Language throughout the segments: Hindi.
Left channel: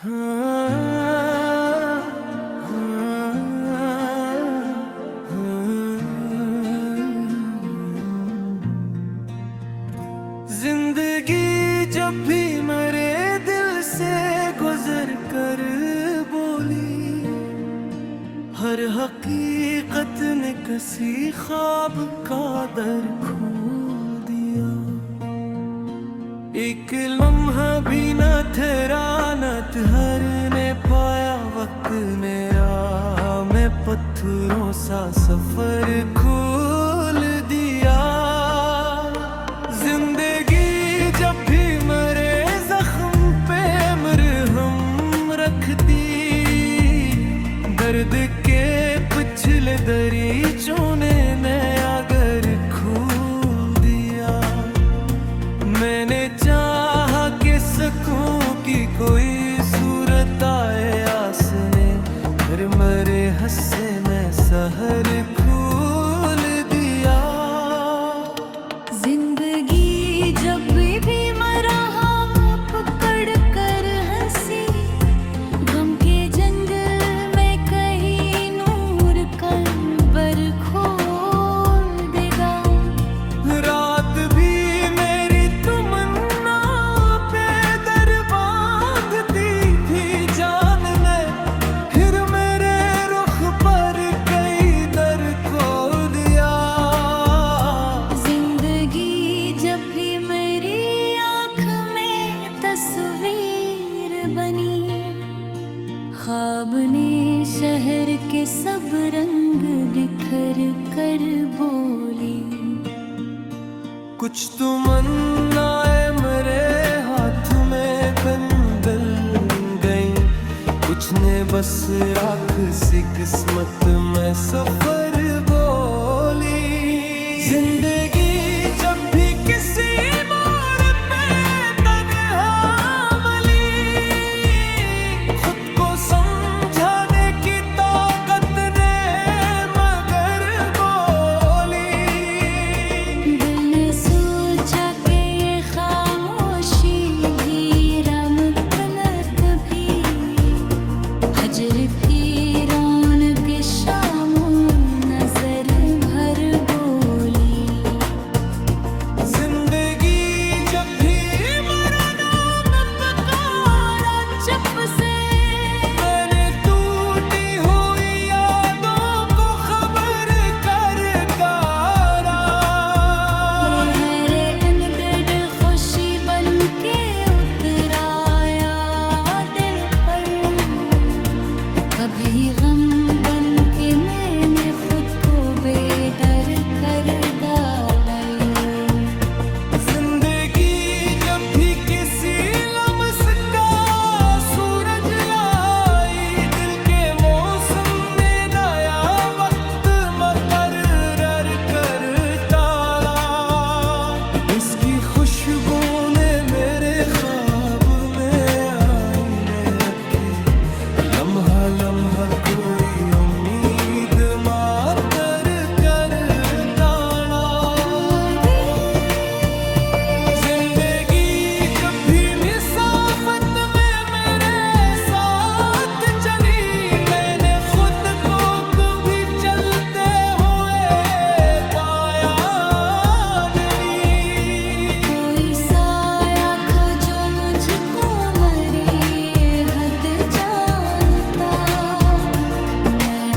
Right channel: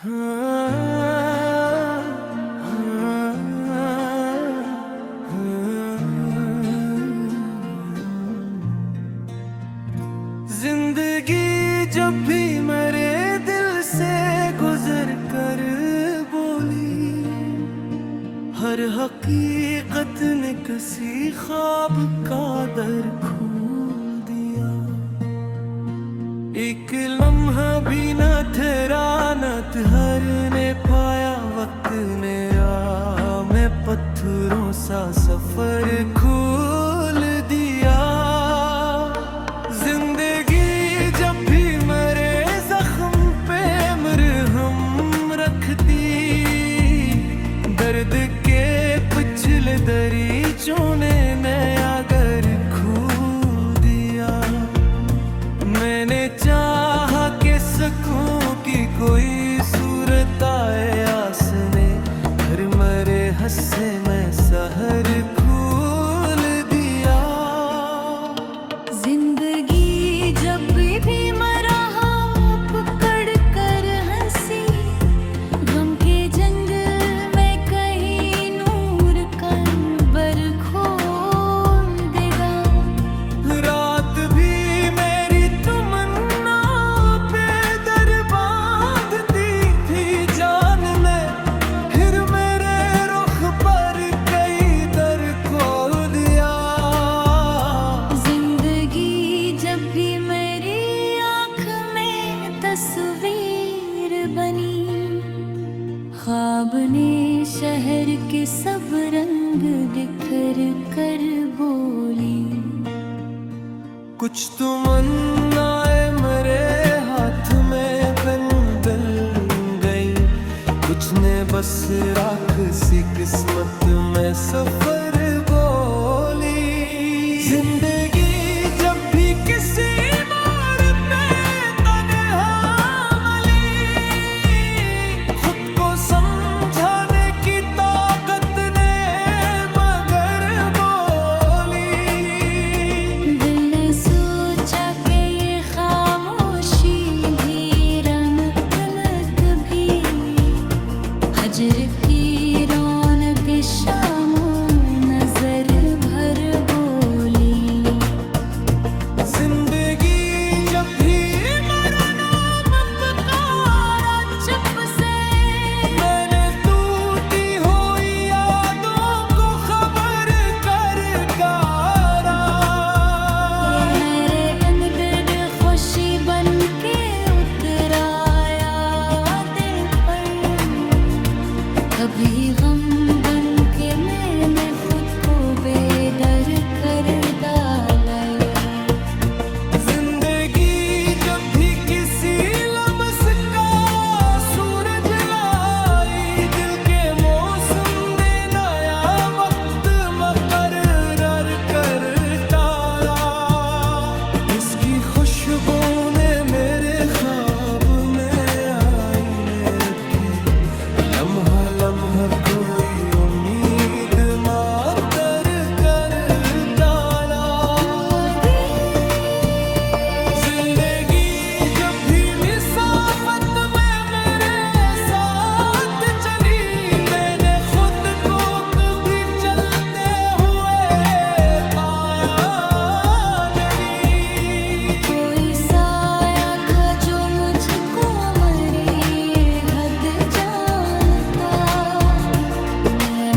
हाँ, हाँ, हाँ। जिंदगी जब भी मेरे दिल से गुजर कर बोली, हर हकीकत ने किसी ख्वाब का दर खोल दिया। एक लम्हा भी न ठहरा, न ठहरने पाया वक्त मेरा। मैं पत्थरों सा सफर खोल दिया। जिंदगी जब भी मेरे जख्म पे मरहम रखती, दर्द के पिछले दरीचों ने नया घर खोल दिया। मैंने चाहा कि सकूं कि कोई सूरत आए आसने, फिर मरे हंसे में सहर खोल दिया। जिंदगी जब भी मरहा पकड़ कर हंसी, गम के जंगल में कहीं नूर कर खोल देगा। रात भी मेरी तमन्ना पे दर बांधती थी जान ने, फिर मेरे रुख पर कई दर खोल दिया। जिंदगी जब भी मेरी आँख में तस्वीर बनी, ख्वाब ने शहर के सब रंग बिखर कर बोली। कुछ तमन्नाएं मेरे हाथ में बंधल गई, कुछ ने बस राख सी किस्मत में सफर बोली। जिंदगी जब भी किसी मोड़ पे तन्हा मिली, खुद को समझाने की ताकत ने मगर बोली। दिल ने सोचा कि ये खामोशी भी रमत भी, हजर की रौनक शामो नजर भर बोली। जिंदगी जब भी मेरा नाम पुकारा चुप से, मैंने टूटी हुई यादों को खबर कर गारा। मेरे अंदर खुशी बन के उतराया दिल पर, कभी गम बन के मैंने खुद को बेदर कर डाला। जिंदगी जब भी किसी लम्स का सूरज लाई, दिल के मौसम ने नया वक्त मुकर्रर कर डाला। इसकी खुशबू ने मेरे ख्वाब में आईने रखे, लम्हा लम्हा कोई उम्मीद मातर कर डाला। जिंदगी जब भी मुसाफत में मेरे साथ चली, मैंने खुद को कभी चलते हुए पाया नहीं। कोई साया था जो मुझको मरी हद जानता, मैं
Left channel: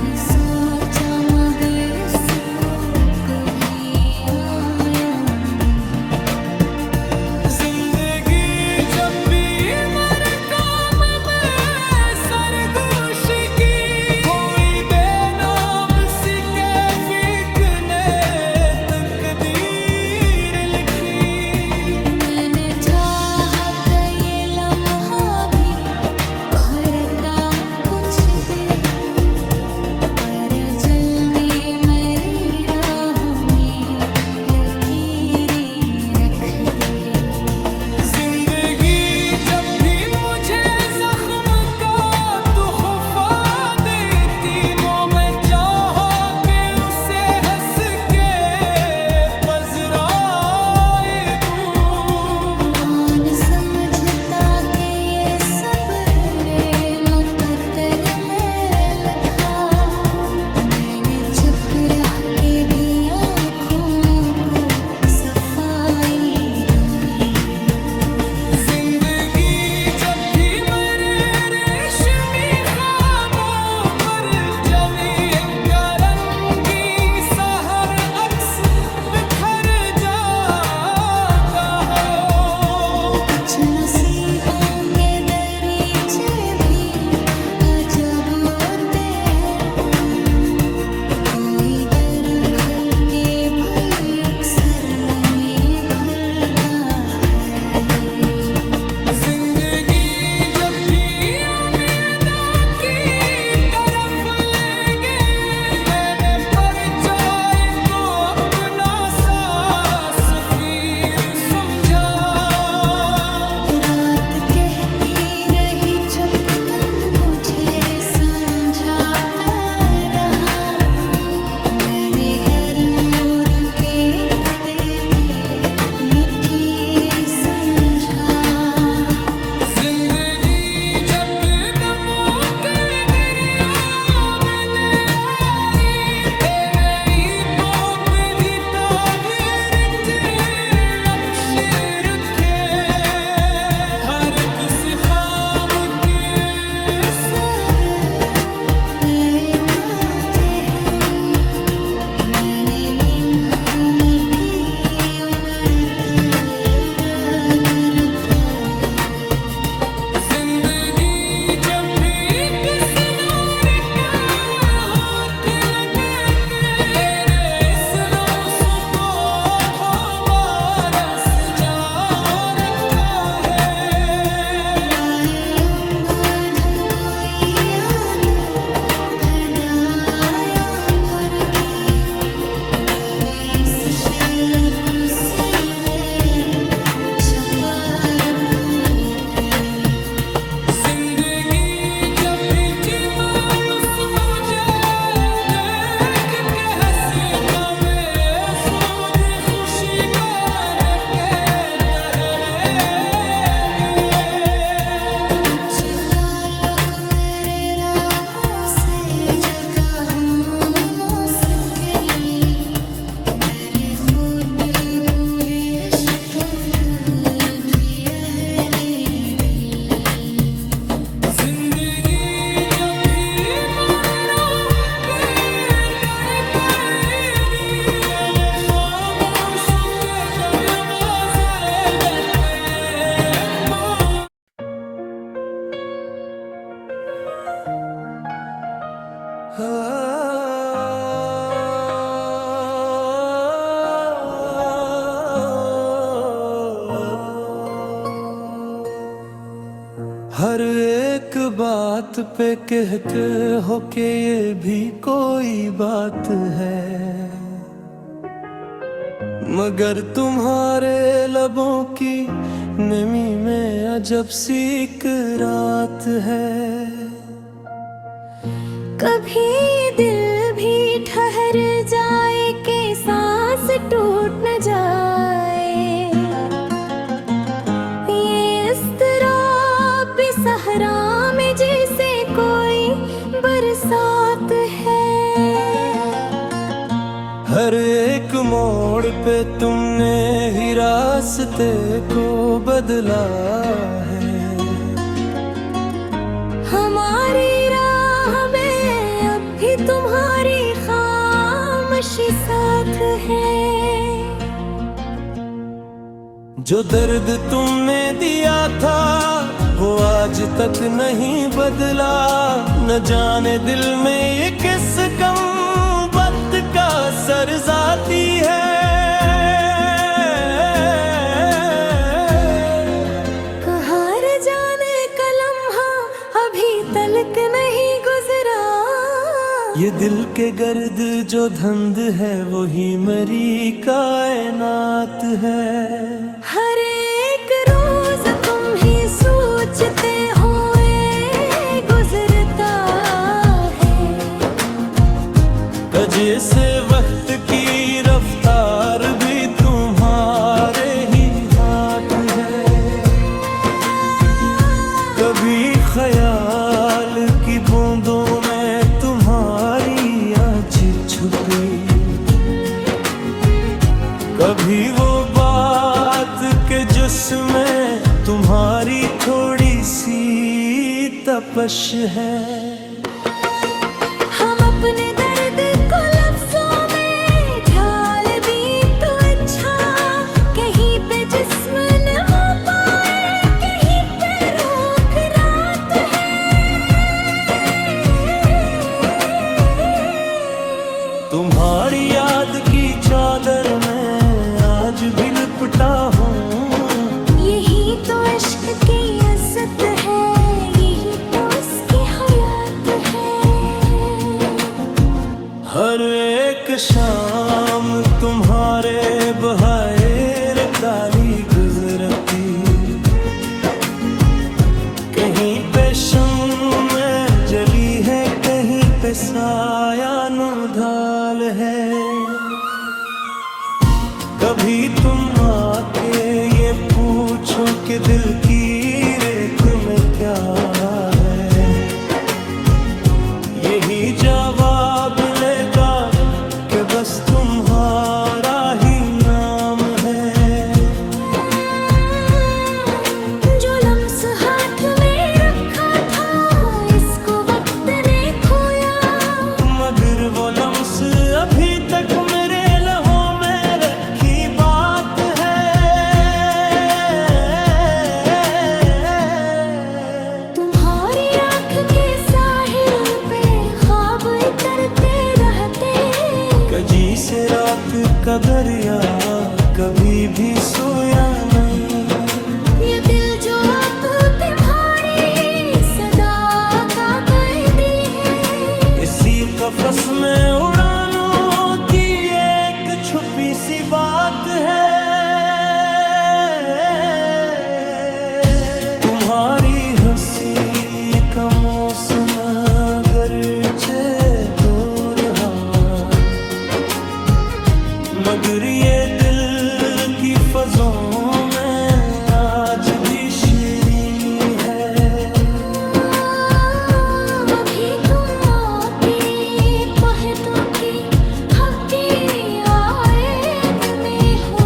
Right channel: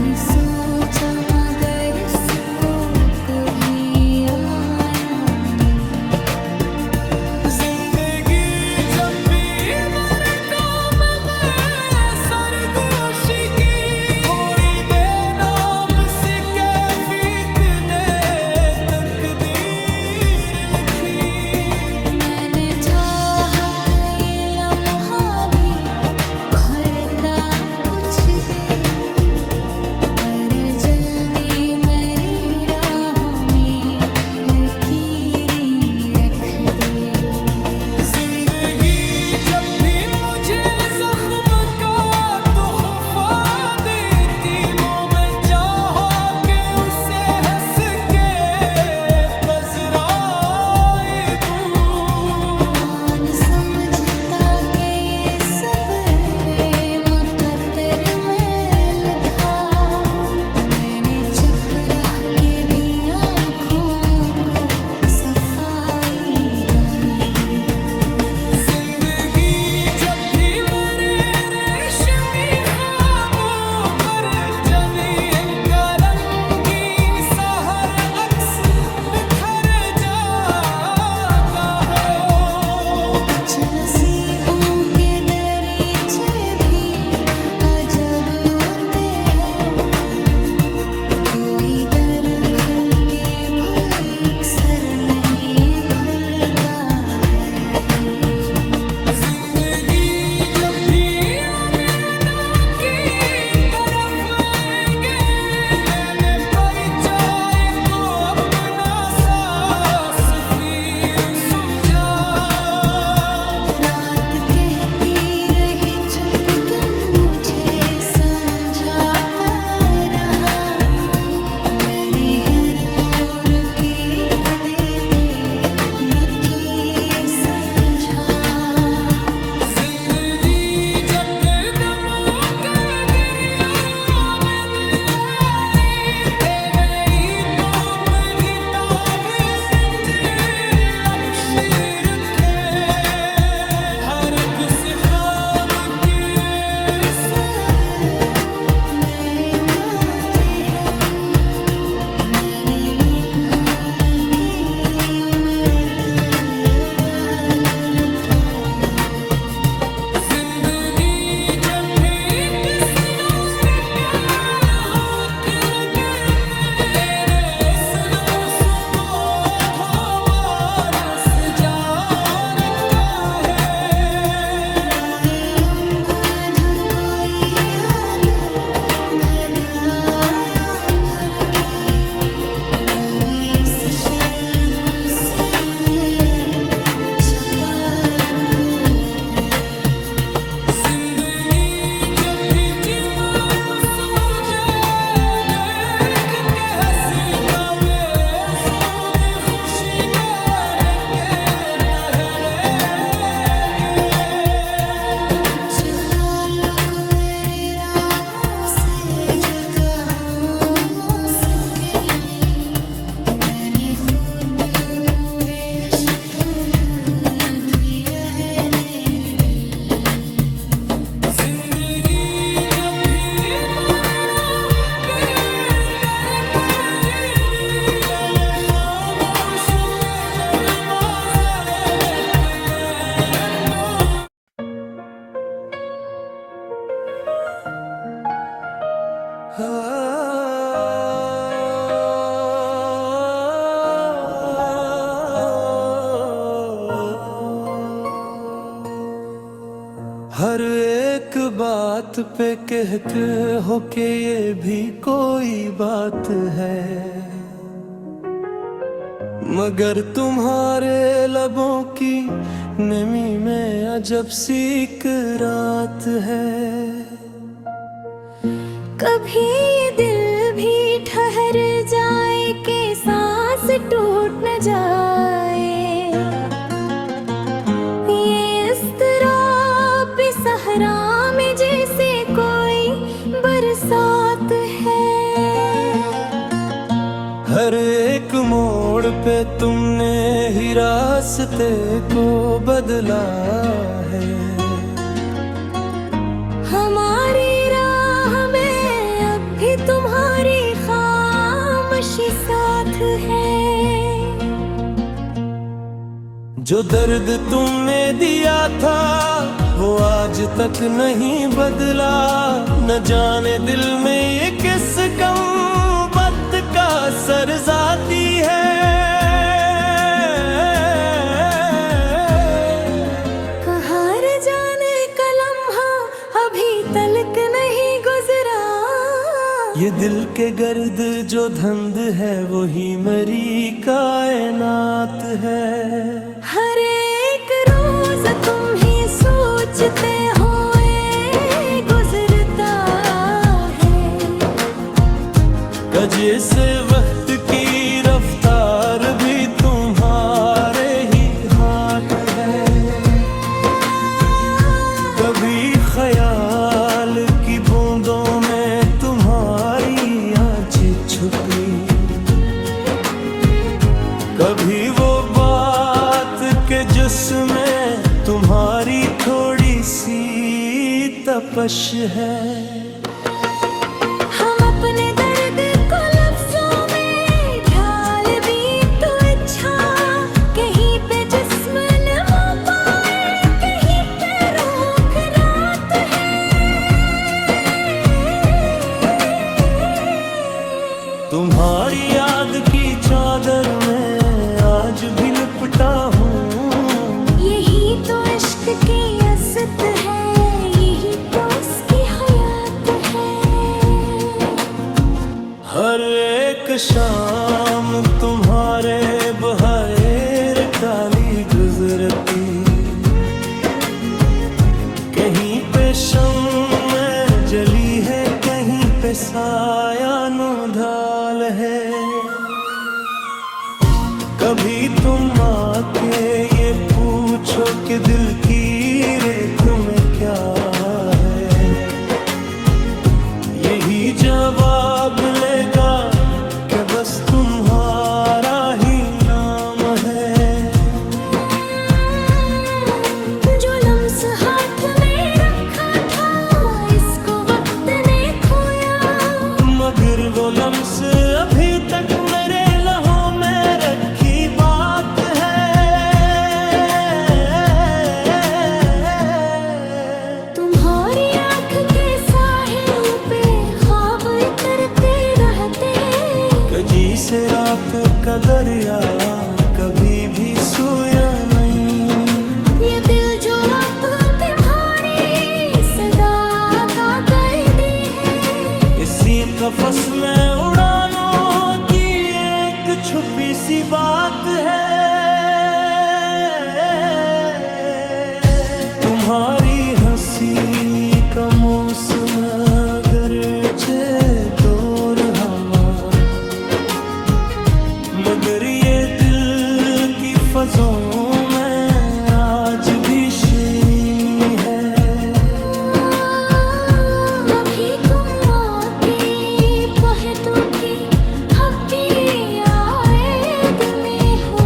नसीबों के दरीचे भी अजब होते हैं। कोई दर खुल के भी अक्सर नहीं खुलता है। जिंदगी जब भी उम्मीदों की तरफ ले गए, मैंने परछाई को अपना सा सफीर समझा। रात कहती रही छपकन मुझे समझाता रहा। मैंने हर मोड़ के देते मुझे समझा। जिंदगी जब दमों के गिरियों में आई, नई पोप भी ताबीर के लक्ष्य रखे। हर किसी ख्वाब के सब मैं तो हैं। मैंने निम्हों में की उम्र रता। जिंदगी जब भी किसी दौर का होठ लगाते, तेरे इस नुस्खो को बरस जाओ रखा है। कोई याद धराया भर के डाले इस शलक उसने छपार फूल है। जिंदगी जब भी जी मायूस मुझे देख के हंसीता, मैं सूझ खुशी पर रखे टहले दे। कुछ ताल्लुक मेरे राहों से जगहों न सके। मैंने खुद को टूट दिया है दिल। जिंदगी जब भी मरना बेंदर पड़ेगी, मैंने खामोश के दरवाजे ले तो। हर एक बात पे कहते हो कि ये भी कोई बात है, मगर तुम्हारे लबों की नमी में अजब सी एक रात है। कभी दिल भी ठहर जाए कि सांस टूट न जाए। ये इस तरह भी सहरा में जैसे कोई बरसात है। हर एक मोड़ पे तुमने ही रास्ते को बदला है। हमारी राह में अब भी तुम्हारी खामोशी साथ है। जो दर्द तुमने दिया था वो आज तक नहीं बदला। न जाने दिल में ये किस गम वक्त का सरजाती है। कहाँ रे जाने का लम्हा अभी तलक नहीं गुजरा। ये दिल के गर्द जो धंध है वही मरी कायनात है। हर एक रोज तुम ही सोचते हुए गुजरता है। कजे से वक्त की रफ्तार भी तुम्हारे ही हाथ है। कभी ख्याल की बूंदों में तुम्हारी आँच छुपी। कभी वो बात के जिसमें तुम्हारी थोड़ी सी तपश है। हम अपने दर्द को लफ्जों में ढाल भी तो अच्छा। कहीं पे जिस्म न हो पाए, कहीं पे लिपटा हूँ। यही तो इश्क की इज्जत है, यही तो उसकी हयात है। हर एक शाम तुम्हारे बहार काली गुजरती, कहीं पे शम्म जली है, कहीं पे साया ढाल है। कभी तुम आके ये पूछो कि दिल की रेत में क्या है, यही जवाब मिलेगा कि बस तुम्हारा ही नाम है। जो लम्स हाथ में रखा था, इसको वक्त ने खोया, मगर वो लम्स अभी तक मेरे लहों में रखी बात है। तुम्हारी आँख के साहिल पे ख्वाब उतरते रहते, कजी से रात का दरिया कभी भी सोया नहीं। ये दिल जो अब तुम्हारी सदा का कैदी है, इसी कफस में उड़ानों की एक छुपी सी बात है। तुम्हारी हंसी का मौसम अगरचे दूर हवा, मगर ये दिल की फज़ों में आज भी शीरीनी है। कभी तुम आके पहतों की हब्बी आयद में हो,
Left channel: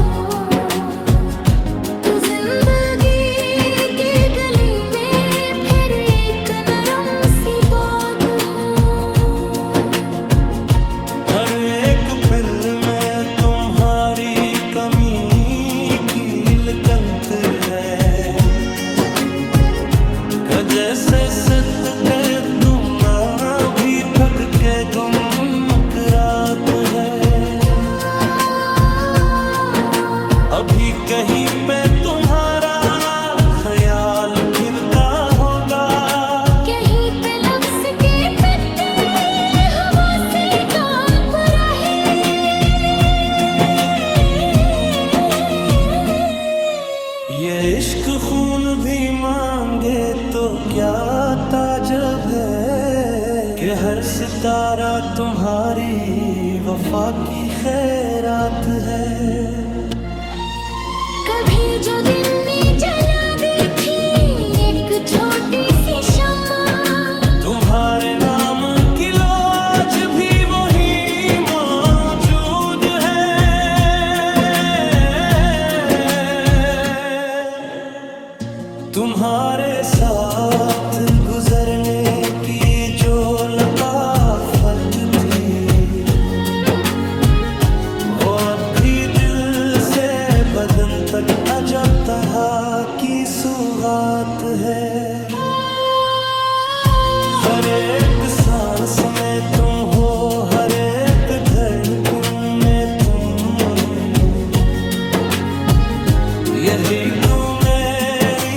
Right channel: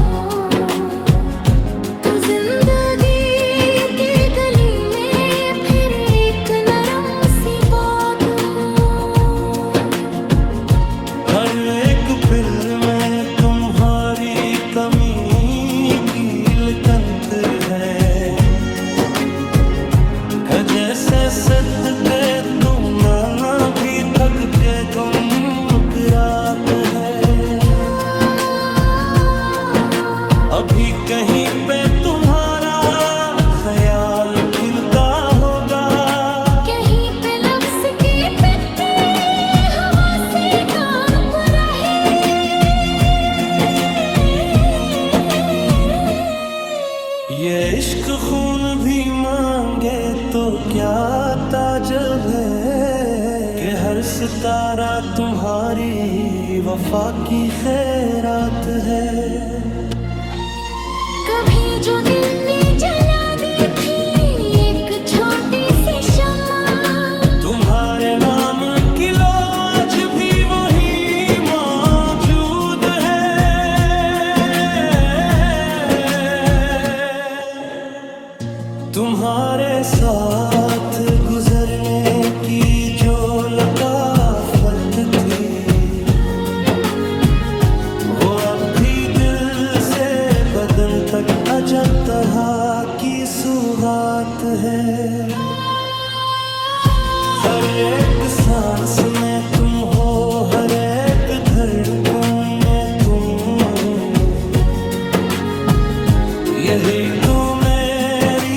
तो जिंदगी की गली में फिर एक नरम सी बात हो। हर एक पिल में तुम्हारी कमी की लकंत है, का जैसे सदके तुम भी थक के गुमरात है। अभी कहीं पे तुम्हारा ख्याल खिलता होगा, कहीं पे लफ्ज़ के पत्ते हवा से कांप रहे। ये इश्क खून भी मांगे तो क्या ताजब है, कि हर सितारा तुम्हारी वफा की खैरात है। कभी जो दिल ने जला दी थी एक छोटी सी शम्मा, तुम्हारे नाम की लो आज भी वही मौजूद है। तुम्हारे साथ गुजरने की जो लताफत थी, वो अब भी दिल से बदन तक अजब तरह की सुगात है। हर एक सांस में तुम हो, हर एक धड़कन में तुम, यही तो मेरी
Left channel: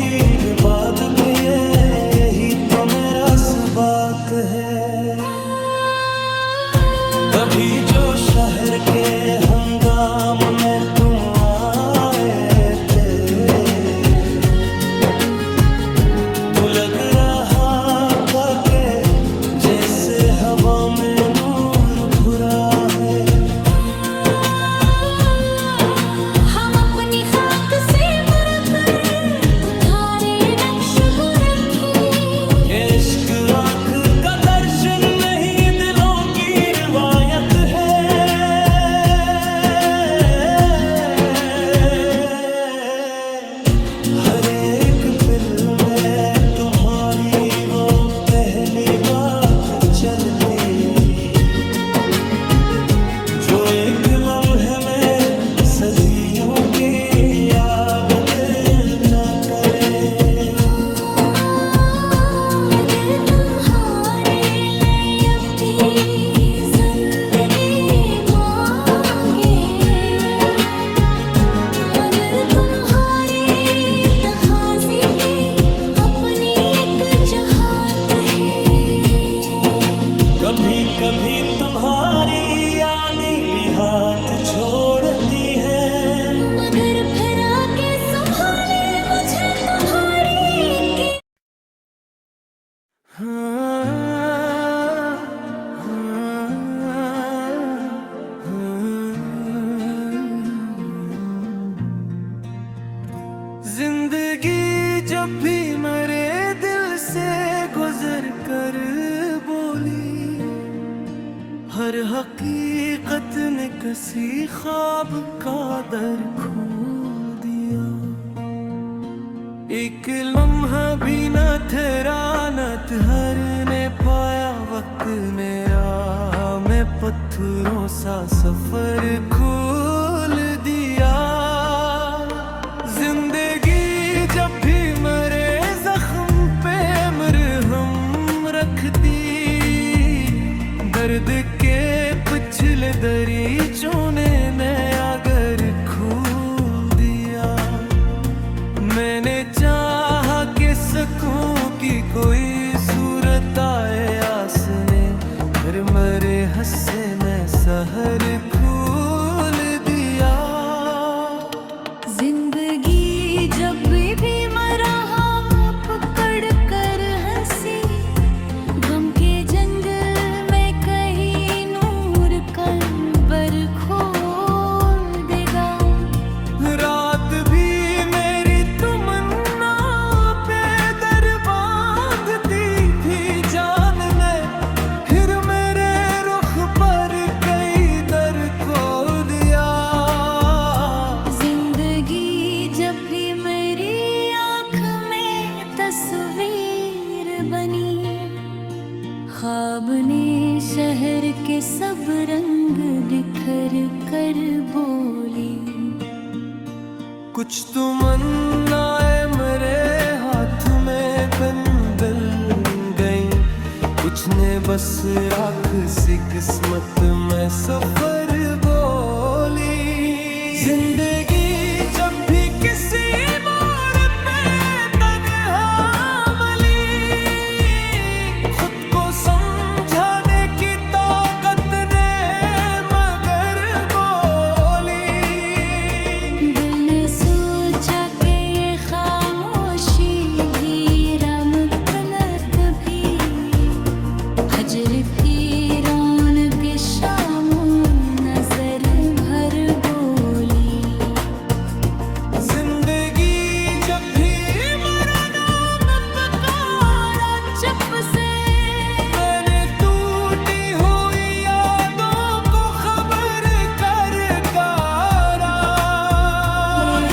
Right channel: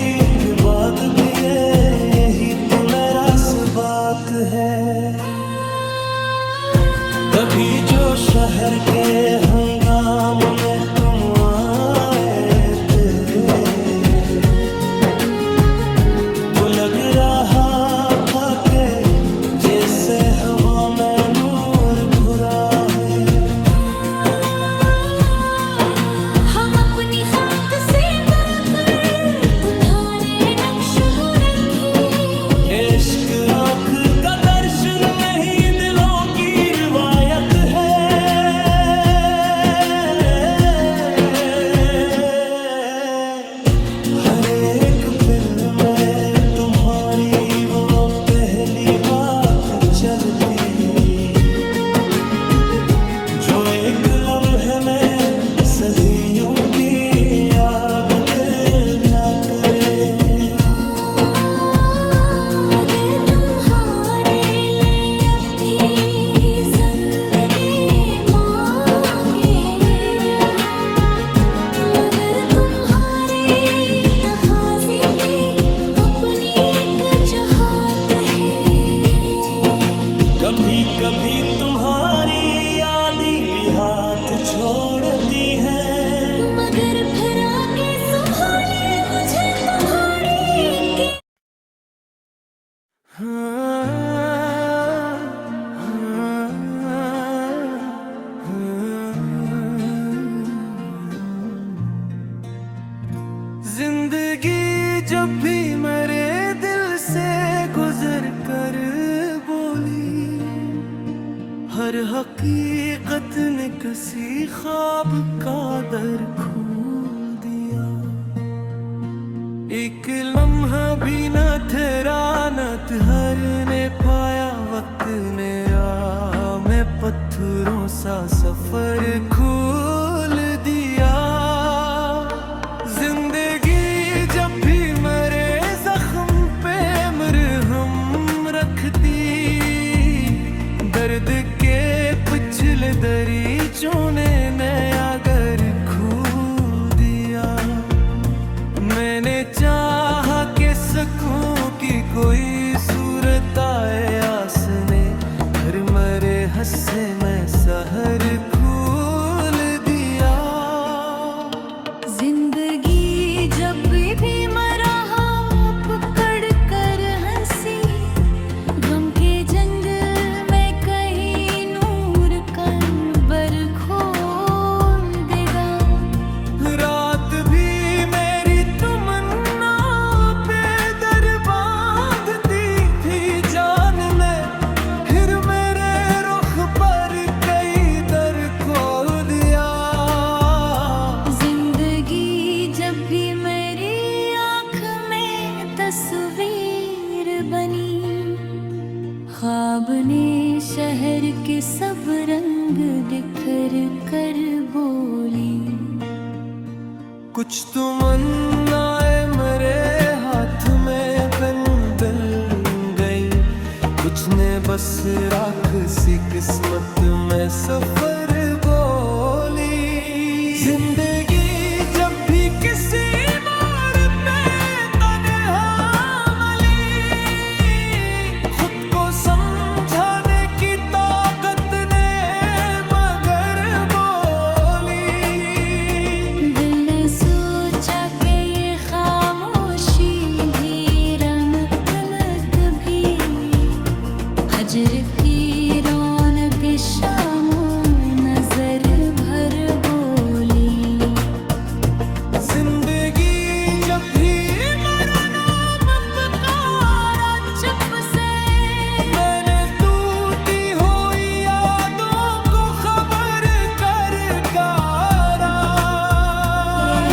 बात भी है, यही तो मेरा बात है। कभी जो शहर के हंगाम में तुम आए थे, तो लग रहा था कि जैसे हवा में नूर भरा है। हम अपनी खाक से बढ़कर तुम्हारे नक्श को रखी, इश्क आँख का दर्शन नहीं दिलों की रिवायत है। हर एक पिल में तुम्हारी वो पहली बात चलती, जो एक लम्हे में सदियों के आग पैदा करे। अगर तुम्हारे लिए अपनी जिंदगी मांगे, मगर कभी कभी तुम्हारी यादें भी हाथ छोड़ती है, मगर फिर आके संभाले मुझे तुम्हारी के जिंदगी जब भी मेरे दिल से गुजर कर बोली, हर हकीकत ने किसी ख्वाब का दर खोल दिया। एक लम्हा भी न ठहरा न ठहरने पाया वक्त मेरा, मैं पत्थरों सा सफर खोल दिया। जिंदगी जब भी मेरे जख्म पे मरहम रखती, दर्द के पिछले दरीचों ने नया घर खोल दिया। मैंने चाहा कि सकूं कि कोई सूरत आए आस में, फिर मरे हंसे मैं सहर खोल दिया। जिंदगी जब भी मरा पकड़ कर हंसी, गम के जंगल में कहीं नूर कल्बर खोल देगा। रात भी मेरी तमन्ना पे दर बांधती थी जान में, फिर मेरे रुख पर कई दर खोल दिया। जिंदगी जब भी मेरी आँख में तस्वीर बनी, ख्वाब ने शहर के सब रंग बिखर कर बोली। कुछ तमन्नाएं मेरे हाथ में बन बन गई, कुछ ने बस राख सी किस्मत में सफर बोली। जिंदगी जब भी किसी मोड़ पे तन्हा मिली, खुद को समझाने की ताकत ने मगर बोली। दिल ने सोचा कि ये खामोशी भी रमकनत भी, हजर की रौनक शामों नजर भर बोली। जिंदगी जब भी मेरा नाम पुकारा चुप से, मैंने टूटी हुई यादों को खबर कर गारा।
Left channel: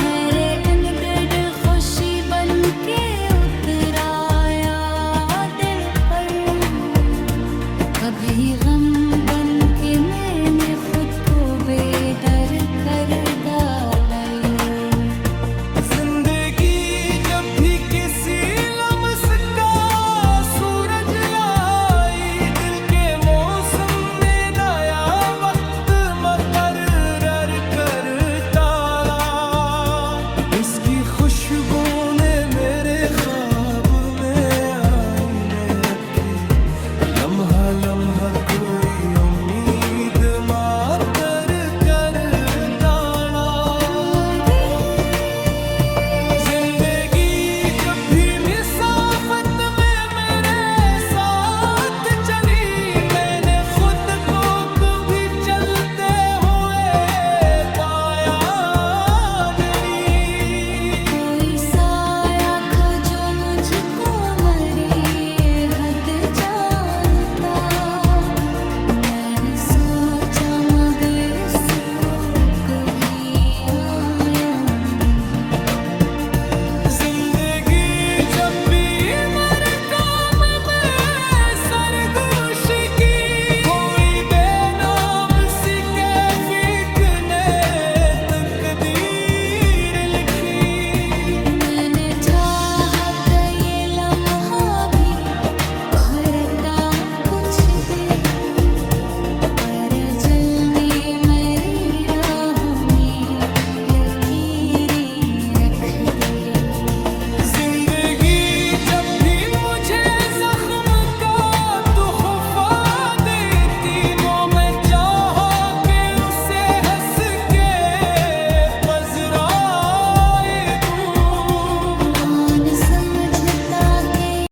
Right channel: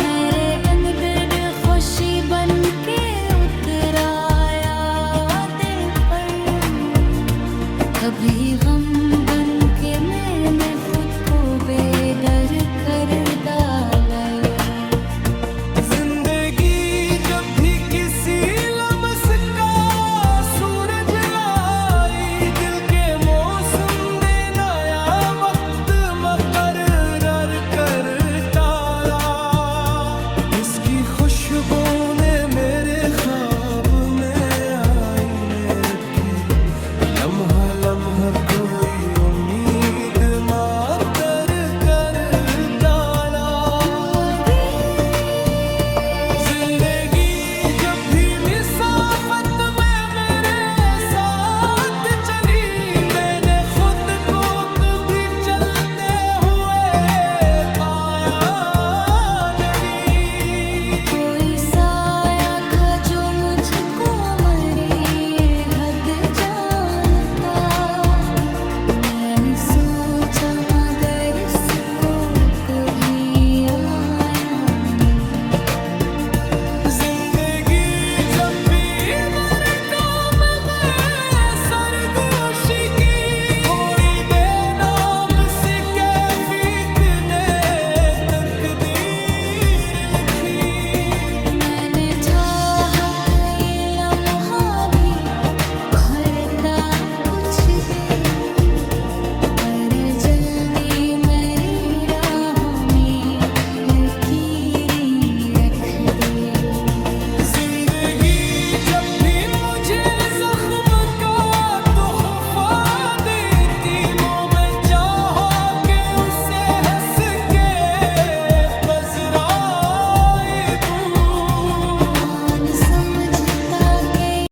मेरे अंदर खुशी बन के उतराया दिल पर, कभी गम बन के मैंने खुद को बेदर कर डाला। जिंदगी जब भी किसी लम्स का सूरज लाई, दिल के मौसम ने नया वक्त मुकर्रर कर डाला। इसकी खुशबू ने मेरे ख्वाब में आईने रखे, लम्हा लम्हा कोई